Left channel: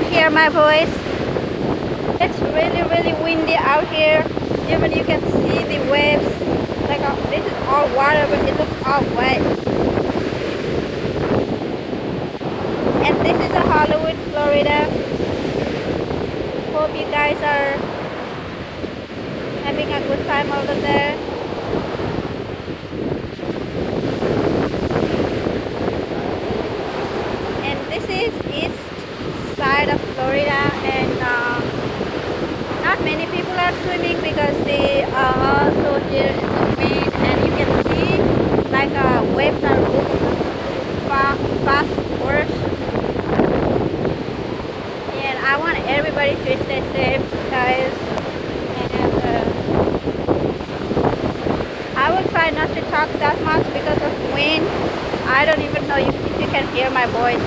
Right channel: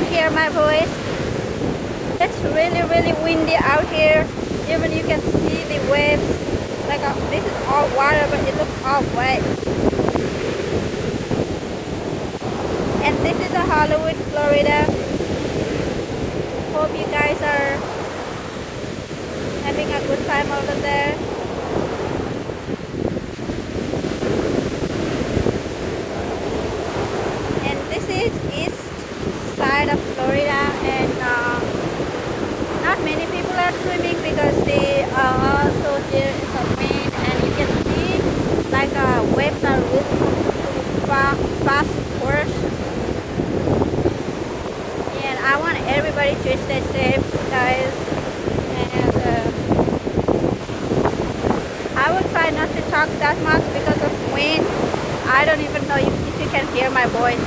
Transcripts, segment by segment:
can hear my voice. It's really, really windy out here. Even you can see the waves. Like this is all water, but it looks all wet. And this is a Hollywood, Florida. Hope you guys are having a good time over there. And this is east side of Florida, and not many people are swimming because they also hear some wind, and you can see like waves are really fast course. And I want everybody to stay safe, guys. And I will try not to talk that much because of wind. I don't even know if you can hear my voice.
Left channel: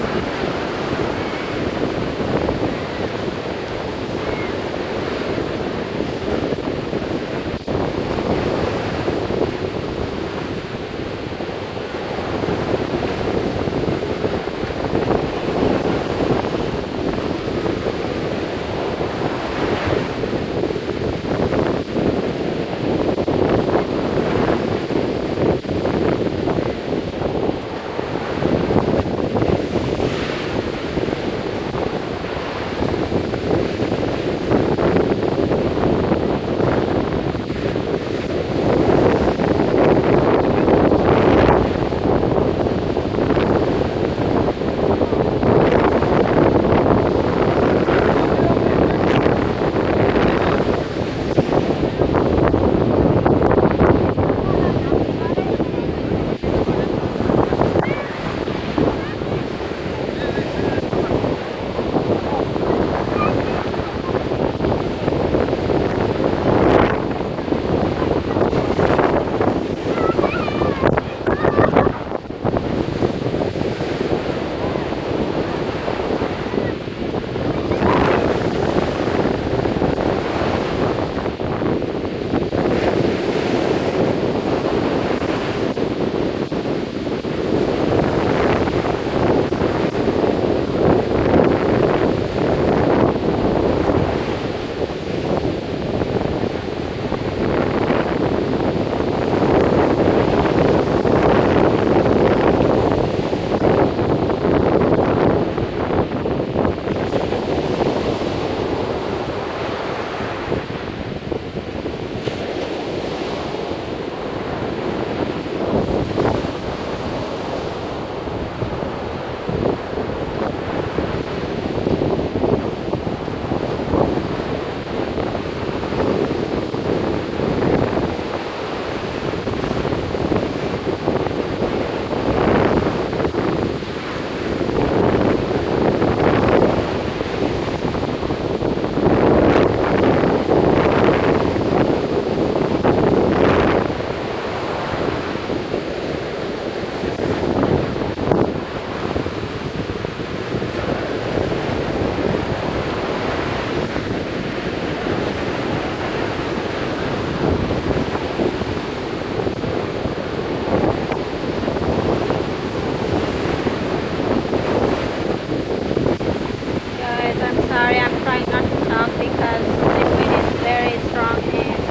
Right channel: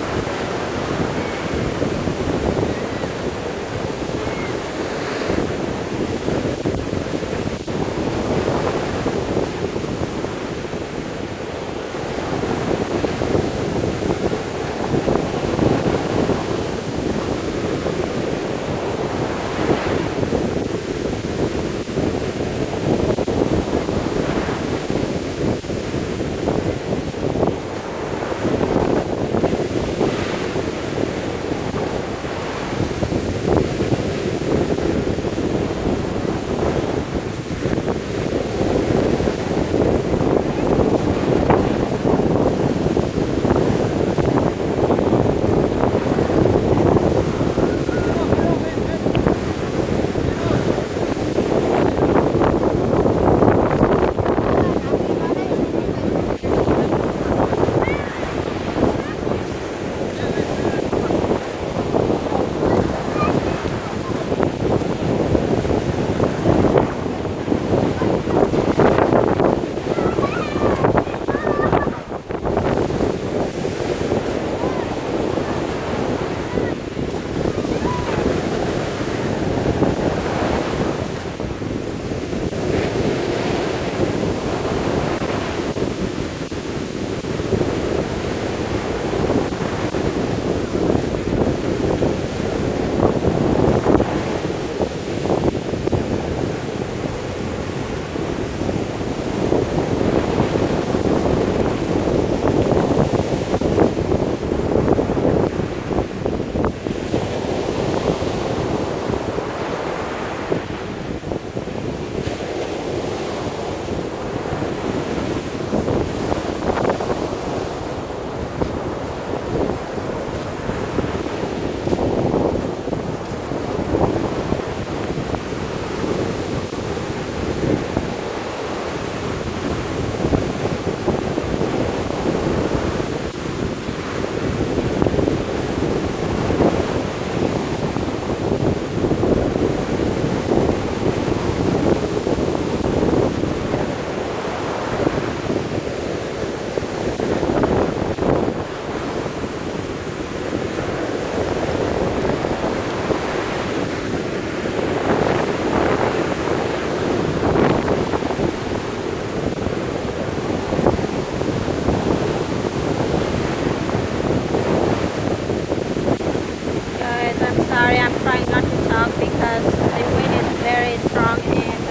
Sorry, I'm trying not to talk because the wind is very strong, and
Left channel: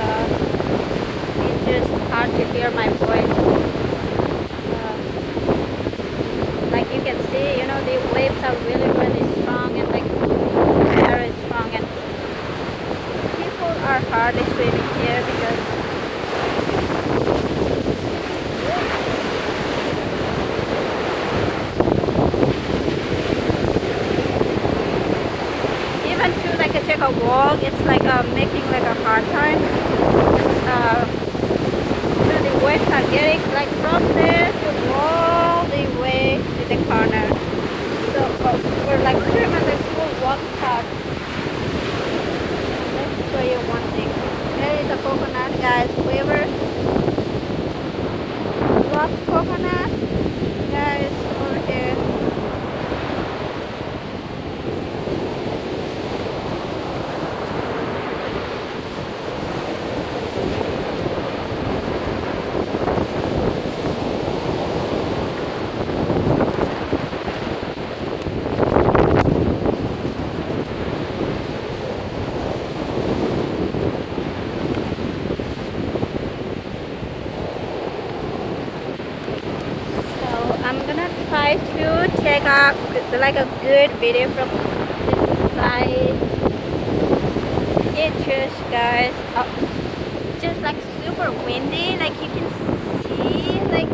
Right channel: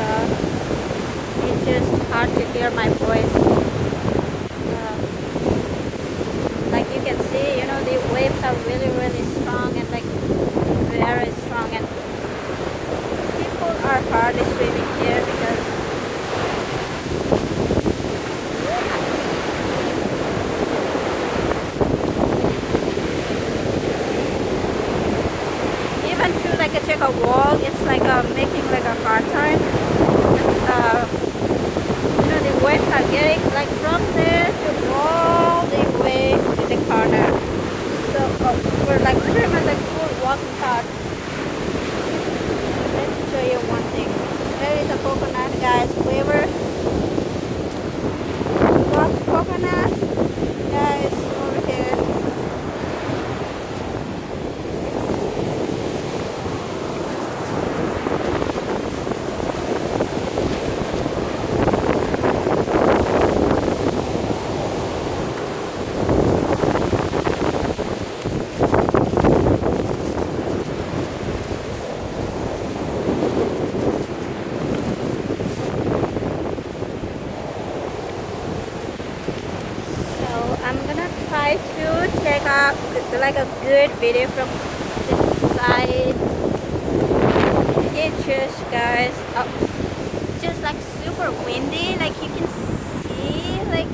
it's just hard to hear my voice. Like you can see, the waves are really, really strong, and like the air is strong, and people are hardly swimming here because even to like take a walk, it's like making like a hard time. The waves are getting like from there to all the way to the corner. So we're like pretty much like full walking path. And let me show you one thing. There is a coconut, guys. Whoever loves coconut, guys, over here. I'm gonna try to take like a good video from this side. It's just guys, just like super windy. Like you can see, like